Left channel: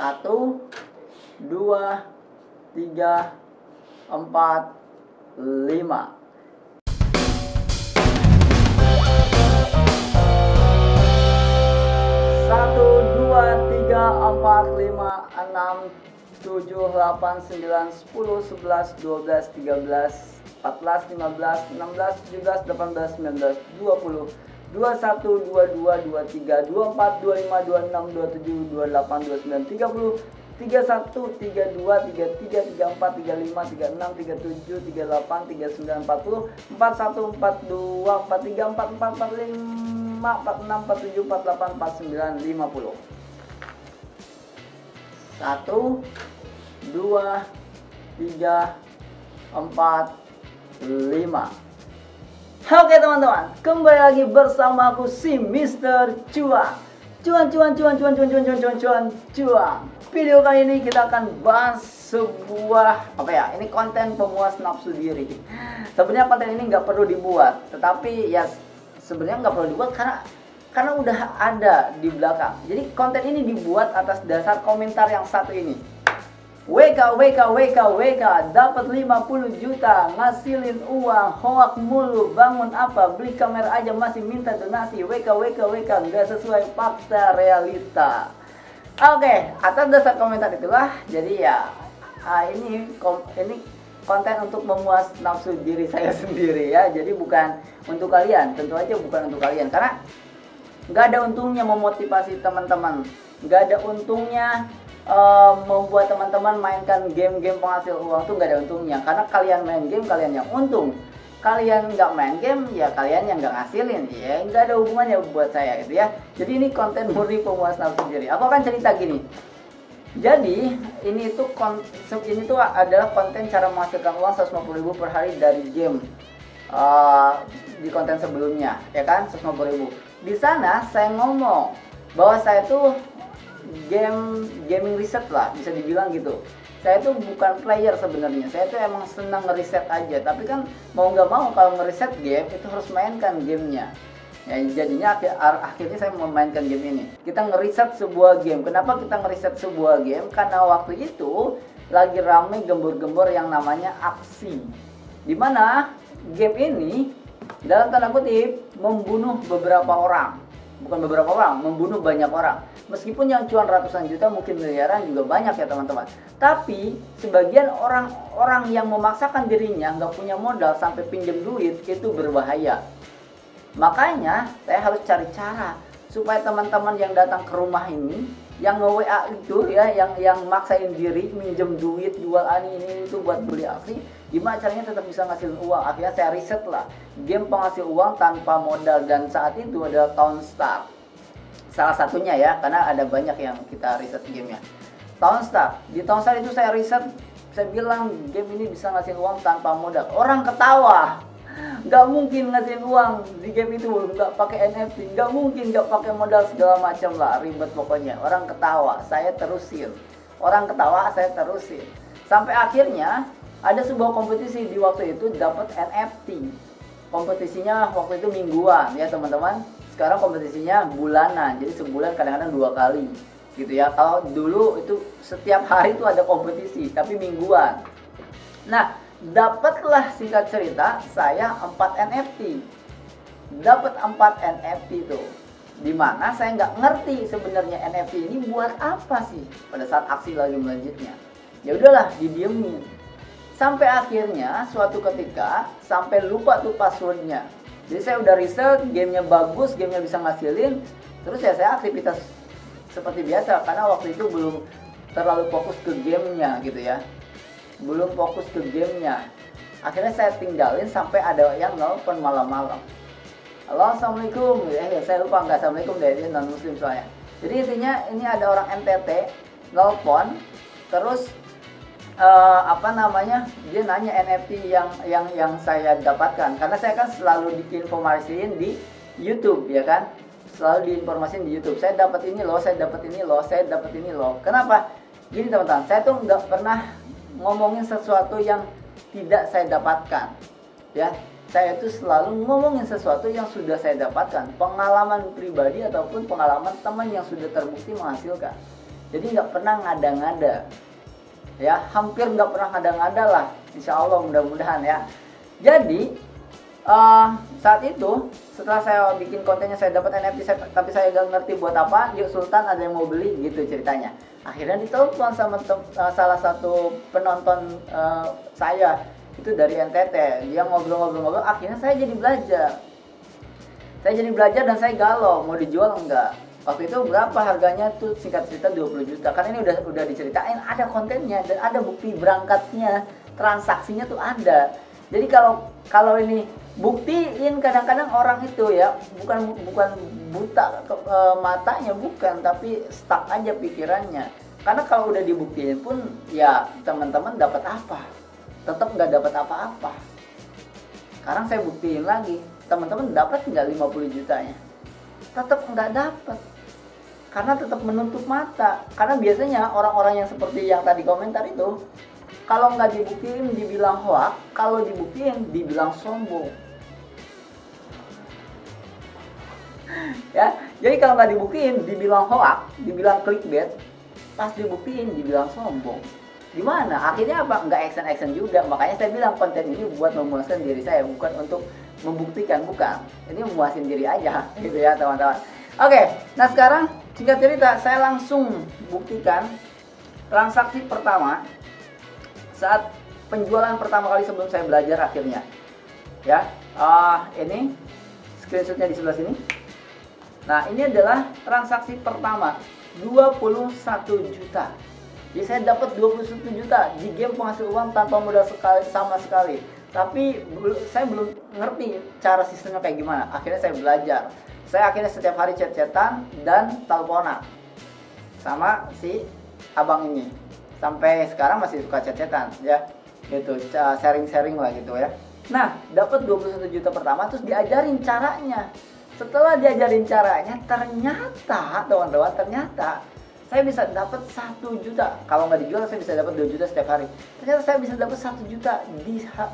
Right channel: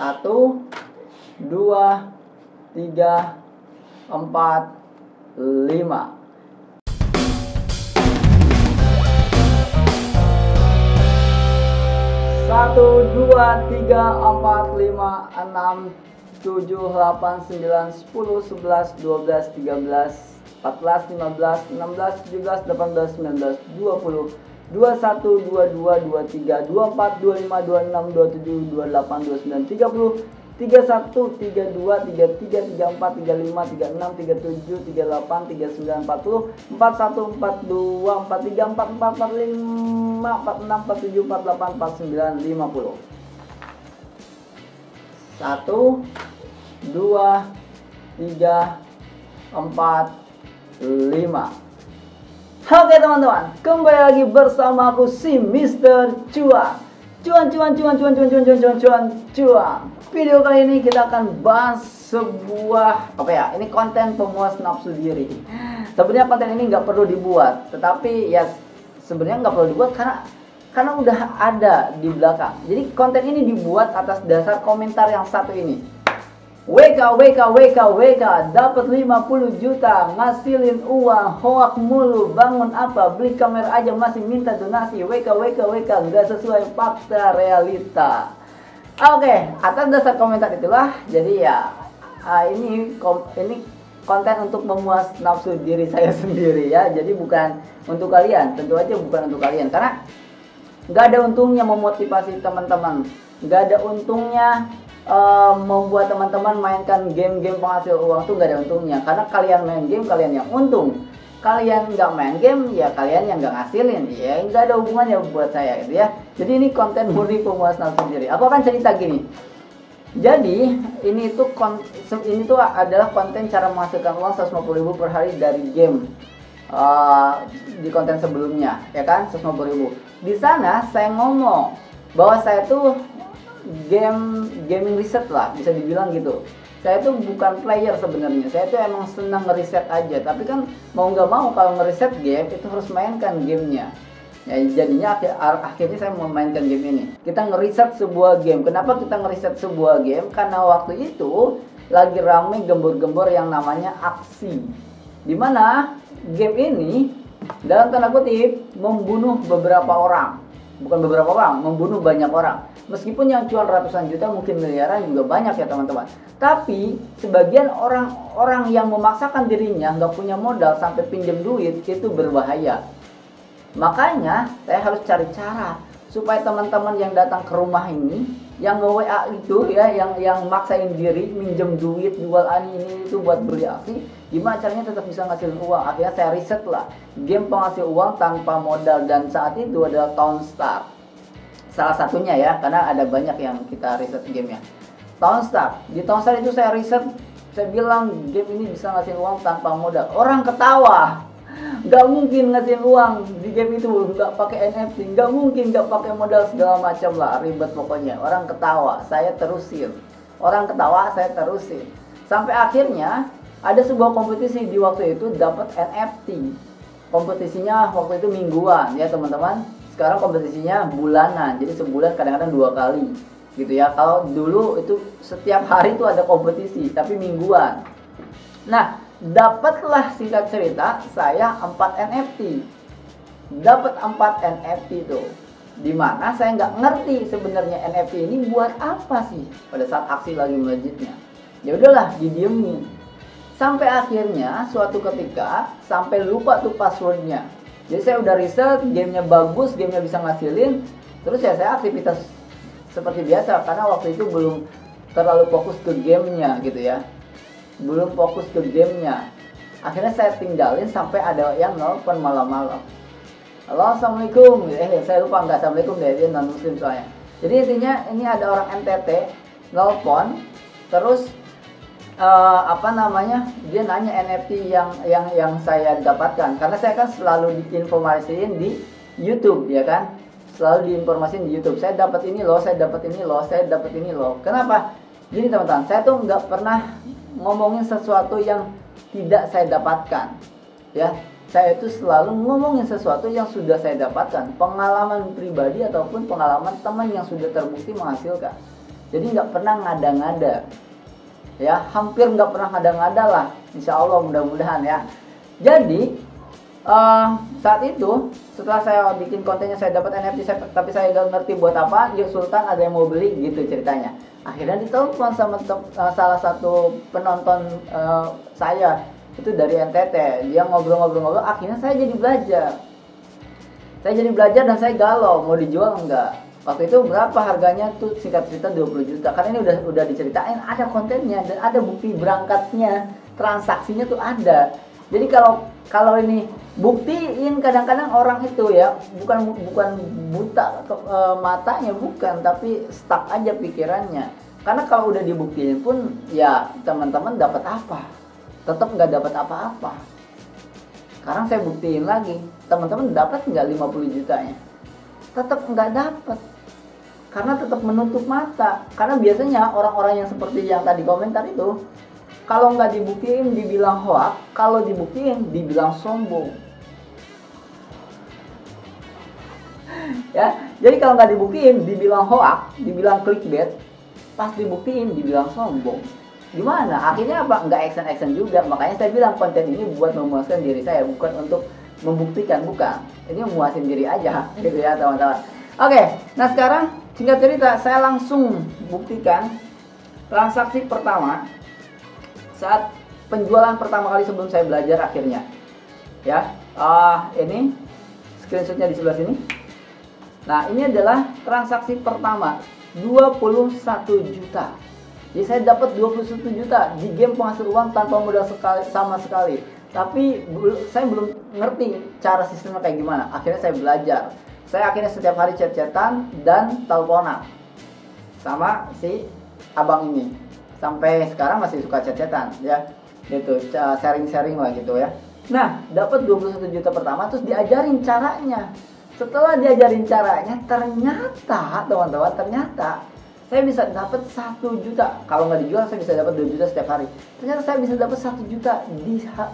1, 2, 3, 4, 5. 1, 2, 3, 4, 5, 6, 7, 8, 9, 10, 11, 12, 13, 14, 15, 16, 17, 18, 19, 20, 21, 22, 23, 24, 25, 26, 27, 28, 29, 30, 31, 32, 33, 34, 35, 36, 37, 38, 39, 40, 41, 42, 43, 44, 45, 46, 47, 48, 49, 50. 1, 2, 3, 4, 5. Oke teman-teman, kembali lagi bersama aku si Mr. Cuan. Cuan. Video kali ini kita akan bahas sebuah ini konten pemuas nafsu diri. Sebenarnya konten ini nggak perlu dibuat, tetapi ya sebenarnya nggak perlu dibuat karena udah ada di belakang. Jadi konten ini dibuat atas dasar komentar yang satu ini. WK dapat 50 juta, ngasilin uang, hoak mulu, bangun apa, beli kamera aja masih minta donasi. WK nggak sesuai fakta realita. Oke, atas dasar komentar itulah jadi ya ini konten untuk memuas nafsu diri saya sendiri ya. Jadi bukan untuk kalian, tentu aja bukan untuk kalian, karena nggak ada untungnya memotivasi teman-teman, nggak ada untungnya membuat teman-teman mainkan game-game penghasil uang tuh nggak ada untungnya, karena kalian main game kalian yang untung, kalian nggak main game ya kalian yang nggak ngasilin, ya nggak ada hubungannya buat saya gitu ya. Jadi ini konten murni pemuas nafsu diri. Aku akan cerita gini. Jadi ini tuh adalah konten cara menghasilkan uang 150.000 per hari dari game. Di konten sebelumnya ya kan 150.000. Di sana saya ngomong bahwa saya tuh gaming riset lah, bisa dibilang gitu. Saya tuh bukan player sebenarnya, saya tuh emang senang ngeriset aja. Tapi kan mau nggak mau kalau ngeriset game itu harus mainkan gamenya. Ya jadinya akhirnya saya memainkan game ini. Kita ngeriset sebuah game. Kenapa kita ngeriset sebuah game? Karena waktu itu lagi rame gembor-gembor yang namanya aksi, dimana game ini dalam tanda kutip membunuh beberapa orang. Bukan beberapa orang, membunuh banyak orang. Meskipun yang cuan ratusan juta mungkin miliaran juga banyak ya teman-teman. Tapi sebagian orang yang memaksakan dirinya nggak punya modal sampai pinjam duit itu berbahaya. Makanya saya harus cari cara supaya teman-teman yang datang ke rumah ini, yang nge-WA itu ya, yang maksain diri minjem duit, jual ini itu buat beli aksi, gimana caranya tetap bisa ngasilin uang. Akhirnya saya riset lah game penghasil uang tanpa modal, dan saat itu adalah Townstar. Salah satunya ya, karena ada banyak yang kita riset gamenya. Townstar. Di Townstar itu saya riset, saya bilang game ini bisa ngasilin uang tanpa modal. Orang ketawa. Nggak mungkin ngasihin uang di game itu nggak pakai NFT, nggak mungkin nggak pakai modal segala macam lah, ribet pokoknya. Orang ketawa, saya terusin. Sampai akhirnya ada sebuah kompetisi di waktu itu dapat NFT. Kompetisinya waktu itu mingguan ya teman-teman. Sekarang kompetisinya bulanan, jadi sebulan kadang-kadang 2 kali gitu ya. Kalau dulu itu setiap hari itu ada kompetisi, tapi mingguan. Nah, dapatlah singkat cerita saya 4 NFT. Dapat 4 NFT tuh. Dimana saya nggak ngerti sebenarnya NFT ini buat apa sih pada saat aksi lagi melejitnya. Ya udahlah, didiemin. Sampai akhirnya suatu ketika sampai lupa tuh passwordnya. Jadi saya udah riset, gamenya bagus, gamenya bisa ngasilin. Terus ya saya aktivitas seperti biasa, karena waktu itu belum terlalu fokus ke gamenya gitu ya. Akhirnya saya tinggalin sampai ada yang nelfon malam-malam. Halo, assalamualaikum. Saya lupa nggak assalamualaikum deh, dia non muslim soalnya. Jadi intinya ini ada orang NTT nelfon, terus dia nanya NFT yang saya dapatkan, karena saya kan selalu diinformasiin di YouTube ya kan, selalu diinformasiin di YouTube. Saya dapat ini loh. Kenapa? Gini teman-teman, saya tuh nggak pernah ngomongin sesuatu yang tidak saya dapatkan ya. Saya itu selalu ngomongin sesuatu yang sudah saya dapatkan, pengalaman pribadi ataupun pengalaman teman yang sudah terbukti menghasilkan. Jadi nggak pernah ngada-ngada, ya hampir nggak pernah ngada-ngada lah, insya Allah mudah-mudahan ya. Jadi saat itu setelah saya bikin kontennya, saya dapat NFT, tapi saya nggak ngerti buat apa. Yuk Sultan, ada yang mau beli gitu ceritanya. Akhirnya ditelepon sama salah satu penonton saya, itu dari NTT. Dia ngobrol-ngobrol, akhirnya saya jadi belajar. Dan saya galau mau dijual enggak. Waktu itu berapa harganya tuh, singkat cerita 20 juta. Karena ini udah diceritain, ada kontennya dan ada bukti berangkatnya, transaksinya tuh ada. Jadi kalau ini buktiin, kadang-kadang orang itu ya bukan buta matanya, bukan, tapi stuck aja pikirannya. Karena kalau udah dibuktiin pun ya teman-teman dapat apa? Tetap nggak dapat apa-apa. Sekarang saya buktiin lagi, teman-teman dapat nggak 50 jutanya? Tetap nggak dapat. Karena tetap menutup mata. Karena biasanya orang-orang yang seperti yang tadi komentar itu, kalau nggak dibuktiin dibilang hoax, kalau dibuktiin dibilang sombong. Ya, jadi kalau nggak dibuktiin dibilang hoax, dibilang clickbait, pas dibuktiin dibilang sombong. Gimana? Akhirnya apa? Nggak action juga. Makanya saya bilang konten ini buat memuaskan diri saya, bukan untuk membuktikan, bukan. Ini memuaskan diri aja, gitu ya teman-teman. Oke, nah sekarang singkat cerita, saya langsung buktikan transaksi pertama saat penjualan pertama kali sebelum saya belajar akhirnya. Ya, ini screenshotnya di sebelah sini. Nah, ini adalah transaksi pertama, 21 juta. Jadi saya dapat 21 juta di game penghasil uang tanpa modal sama sekali. Tapi saya belum ngerti cara sistemnya kayak gimana. Akhirnya saya belajar. Saya akhirnya setiap hari chat-chatan dan teleponan sama si abang ini. Sampai sekarang masih suka chat-chatan ya. Gitu, sharing-sharing lah gitu ya. Nah, dapat 21 juta pertama, terus diajarin caranya. Setelah diajarin caranya, ternyata teman-teman, saya bisa dapat 1 juta. Kalau nggak dijual, saya bisa dapat 2 juta setiap hari. Ternyata saya bisa dapat 1 juta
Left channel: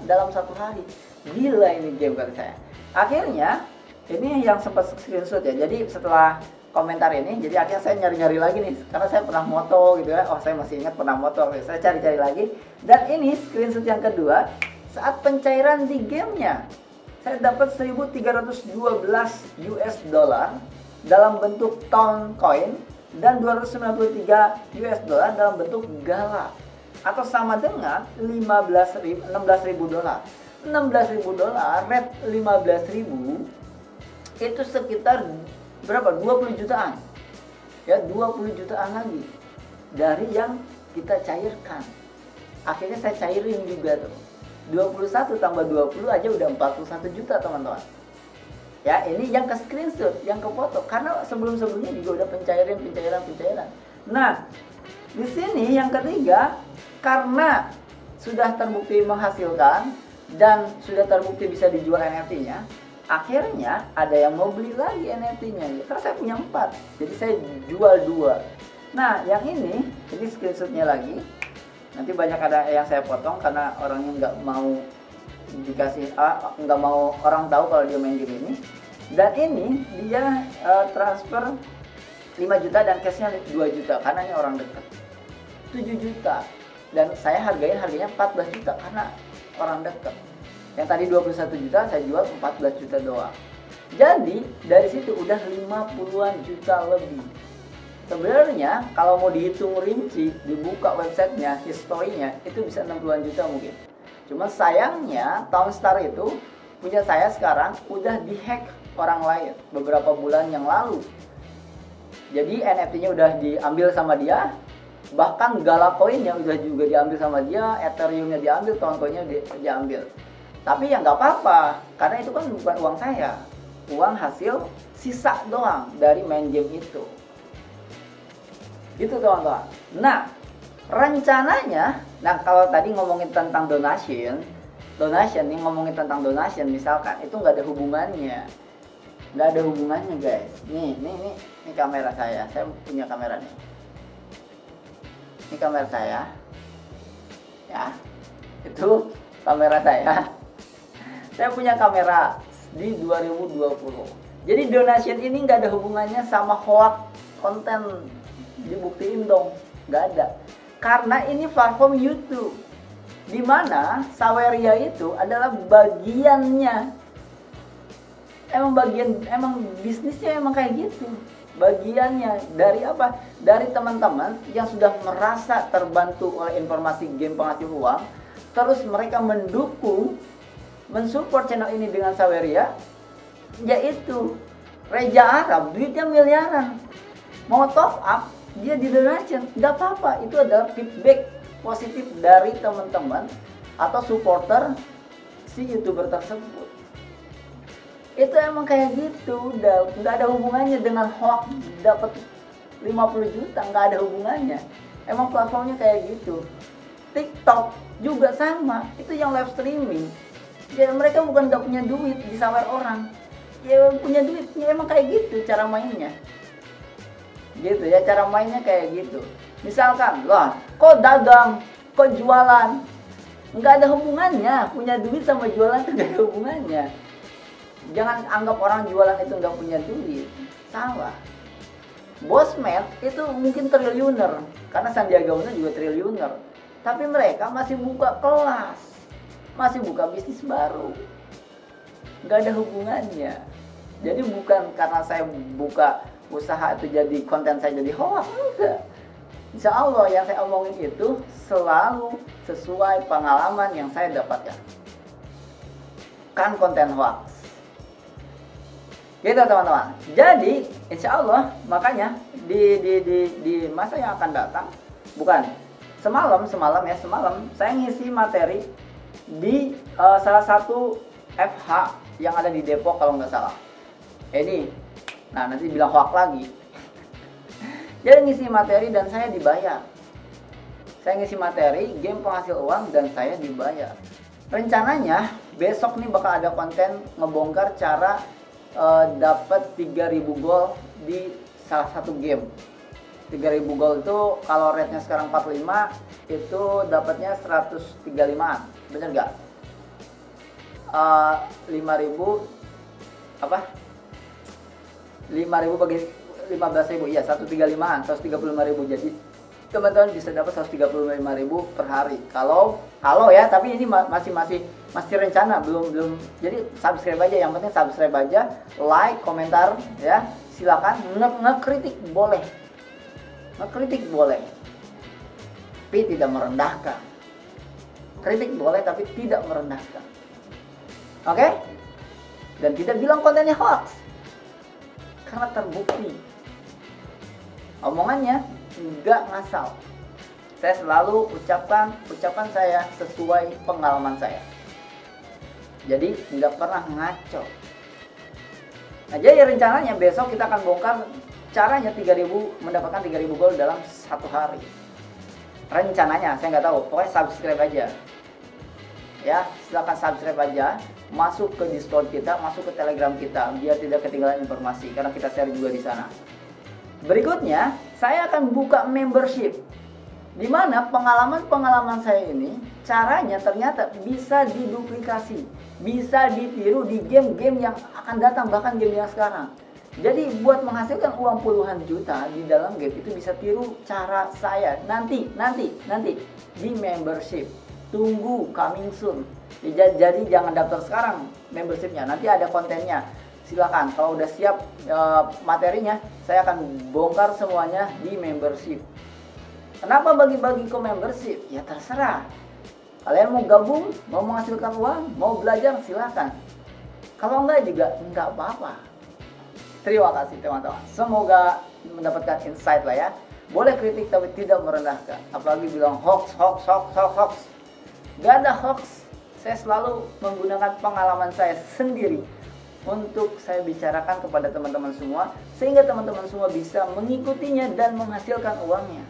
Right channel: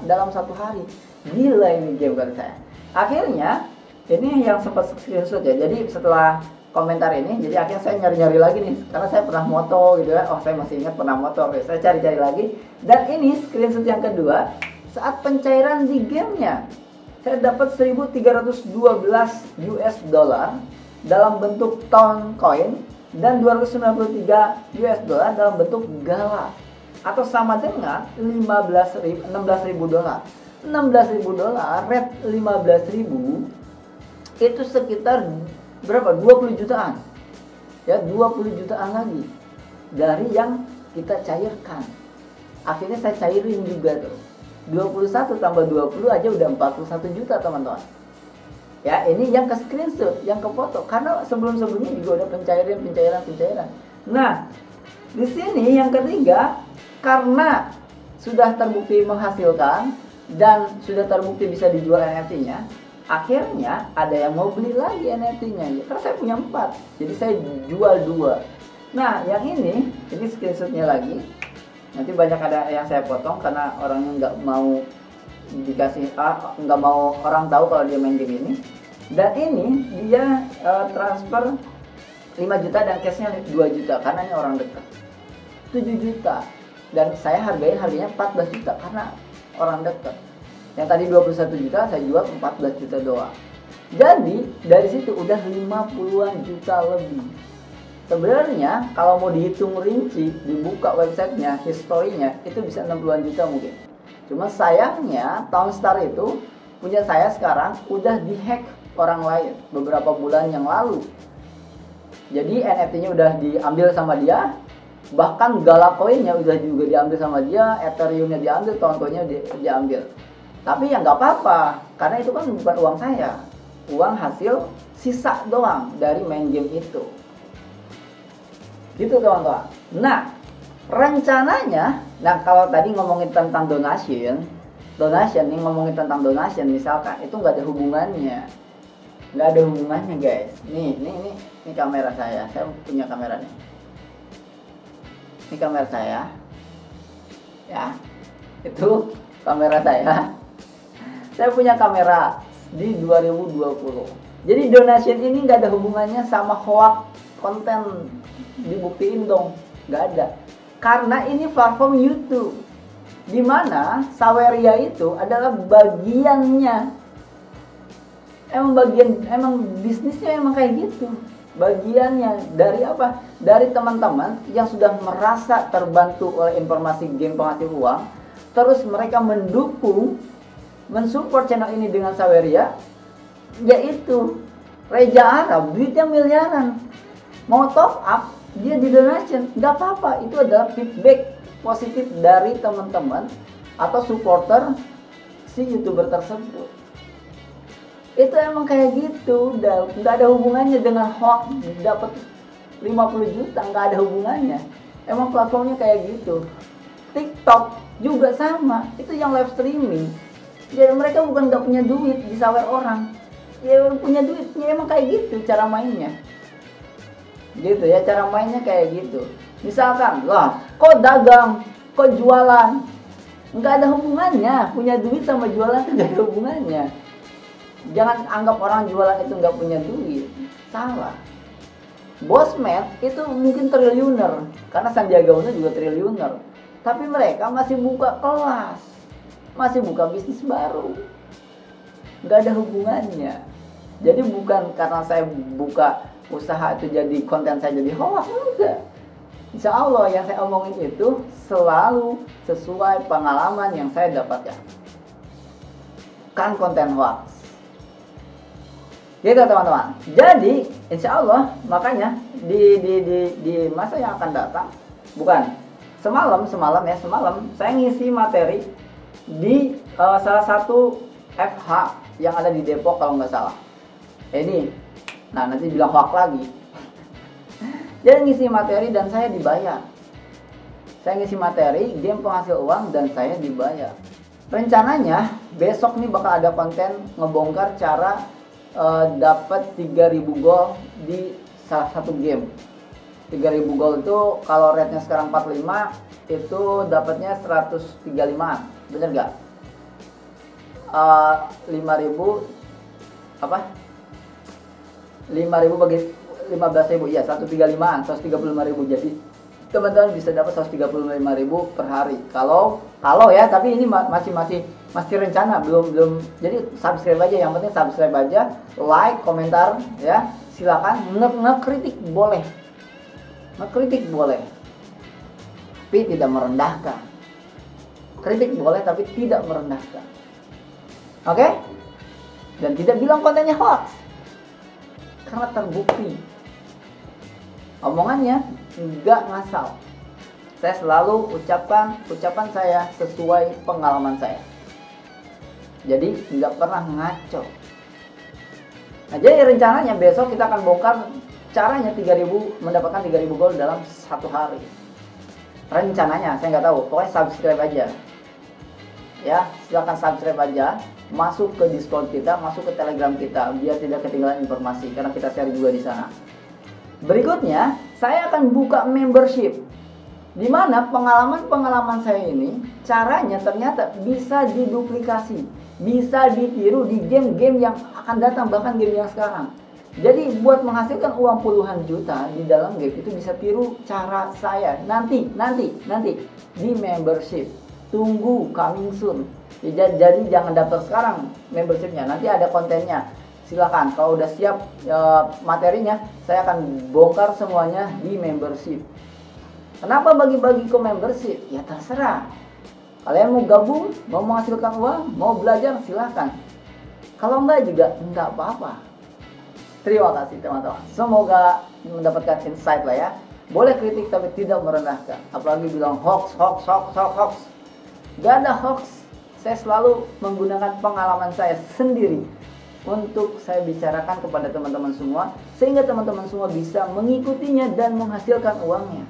dalam 1 hari. Gila ini game kali saya. Akhirnya, ini yang sempat screenshot ya. Jadi setelah komentar ini, jadi akhirnya saya nyari-nyari lagi nih. Karena saya pernah moto gitu ya. Oh, saya masih ingat pernah moto. Oke, saya cari-cari lagi. Dan ini screenshot yang kedua, saat pencairan di gamenya. Saya dapat 1.312 US dollar dalam bentuk Town Coin dan 293 US dollar dalam bentuk Gala, atau sama dengan 16.000 dolar. 16.000 dolar, rate 15.000 itu sekitar berapa? 20 jutaan. Ya, 20 jutaan lagi dari yang kita cairkan. Akhirnya saya cairin juga tuh. 21 tambah 20 aja udah 41 juta teman-teman. Ya, ini yang ke screenshot, yang ke foto. Karena sebelum-sebelumnya juga udah pencairan. Nah, di sini yang ketiga, karena sudah terbukti menghasilkan dan sudah terbukti bisa dijual NFT-nya, akhirnya ada yang mau beli lagi NFT-nya. Ya, karena saya punya 4, jadi saya jual 2. Nah, yang ini screenshotnya lagi. Nanti banyak ada yang saya potong karena orangnya nggak mau dikasih, nggak mau orang tahu kalau dia main game ini. Dan ini dia transfer 5 juta dan cashnya 2 juta karena ini orang dekat. 7 juta dan saya harganya 14 juta karena orang dekat. Yang tadi 21 juta saya jual 14 juta doang. Jadi dari situ udah 50-an juta lebih. Sebenarnya kalau mau dihitung rinci, dibuka websitenya, historinya, itu bisa 60-an juta mungkin. Cuma sayangnya Townstar itu punya saya sekarang udah dihack orang lain beberapa bulan yang lalu. Jadi NFT-nya udah diambil sama dia, bahkan Gala Coin-nya udah juga diambil sama dia, Ethereum-nya diambil, Town-nya diambil. Tapi ya nggak apa-apa, karena itu kan bukan uang saya, uang hasil sisa doang dari main game itu. Gitu teman-teman. Nah, rencananya, kalau tadi ngomongin tentang donation nih, ngomongin tentang donation misalkan, itu nggak ada hubungannya guys. Nih kamera saya punya kamera nih. Ini kamera saya, ya, itu kamera saya. Saya punya kamera di 2020. Jadi donation ini nggak ada hubungannya sama hoax konten dibuktiin dong, nggak ada. Karena ini platform YouTube, dimana Saweria itu adalah bagiannya. Emang bisnisnya emang kayak gitu. Bagiannya dari apa? Dari teman-teman yang sudah merasa terbantu oleh informasi game penghasil uang, terus mereka mendukung, mensupport channel ini dengan Saweria, yaitu Reza Arab, duitnya miliaran. Mau top up, dia di donation, nggak apa-apa. Itu adalah feedback positif dari teman-teman atau supporter si YouTuber tersebut. Itu emang kayak gitu, nggak ada hubungannya dengan hoax dapat 50 juta, nggak ada hubungannya. Emang platformnya kayak gitu. TikTok juga sama, itu yang live streaming. Ya mereka bukan nggak punya duit disawer orang, ya punya duit, ya emang kayak gitu cara mainnya. Gitu ya, cara mainnya kayak gitu. Misalkan, lah kok dagang, kok jualan, nggak ada hubungannya. Punya duit sama jualan itu nggak ada hubungannya. Jangan anggap orang jualan itu nggak punya duit, salah. Bosmed itu mungkin triliuner, karena Sandiaga Uno juga triliuner, tapi mereka masih buka kelas, masih buka bisnis baru, nggak ada hubungannya. Jadi bukan karena saya buka usaha itu jadi konten saya jadi hoax, enggak. Insya Allah yang saya omongin itu selalu sesuai pengalaman yang saya dapatkan, kan konten hoax. Gitu teman-teman. Jadi insya Allah makanya di masa yang akan datang, bukan semalam saya ngisi materi di salah satu FH yang ada di Depok kalau nggak salah. Ini, nah nanti bilang hoax lagi. Jadi ngisi materi dan saya dibayar. Saya ngisi materi game penghasil uang dan saya dibayar. Rencananya besok nih bakal ada konten ngebongkar cara dapat 3.000 gol di salah satu game. 3.000 gol itu kalau rate-nya sekarang 45, itu dapatnya 135-an. Bener gak? 5.000 apa? 5.000 bagi 15.000, iya 135-an, 135.000. Jadi teman-teman bisa dapat 135.000 per hari. Kalau ya, tapi ini masih rencana, belum. Jadi subscribe aja, yang penting subscribe aja, like, komentar ya. Silakan ngekritik boleh. Ngekritik boleh. Tapi tidak merendahkan. Kritik boleh tapi tidak merendahkan. Oke? Dan tidak bilang kontennya hoax. Karena terbukti. Omongannya enggak ngasal. Saya selalu ucapan saya sesuai pengalaman saya. Jadi enggak pernah ngaco. Nah, jadi rencananya besok kita akan bongkar caranya mendapatkan 3.000 gol dalam satu hari. Rencananya saya nggak tahu, pokoknya subscribe aja. Ya, silakan subscribe aja, masuk ke Discord kita, masuk ke Telegram kita biar tidak ketinggalan informasi karena kita share juga di sana. Berikutnya, saya akan buka membership, di mana pengalaman saya ini caranya ternyata bisa diduplikasi, bisa ditiru di game-game yang akan datang, bahkan game yang sekarang. Jadi buat menghasilkan uang puluhan juta di dalam game itu bisa tiru cara saya nanti di membership. Tunggu, coming soon. Jadi jangan daftar sekarang membershipnya, nanti ada kontennya. Silakan, kalau udah siap materinya, saya akan bongkar semuanya di membership. Kenapa bagi-bagi ke membership? Ya terserah. Kalian mau gabung, mau menghasilkan uang, mau belajar, silakan. Kalau enggak juga enggak apa-apa. Terima kasih teman-teman. Semoga mendapatkan insight lah ya. Boleh kritik tapi tidak merendahkan. Apalagi bilang hoax. Gak ada hoax. Saya selalu menggunakan pengalaman saya sendiri untuk saya bicarakan kepada teman-teman semua, sehingga teman-teman semua bisa mengikutinya dan menghasilkan uangnya.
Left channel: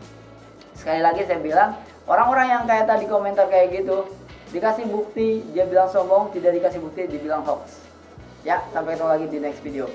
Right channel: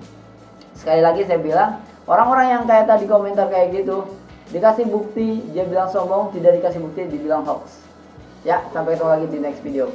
Sekali lagi saya bilang, orang-orang yang kayak tadi komentar kayak gitu, dikasih bukti dia bilang sombong, tidak dikasih bukti dibilang hoax. Ya, sampai ketemu lagi di next video.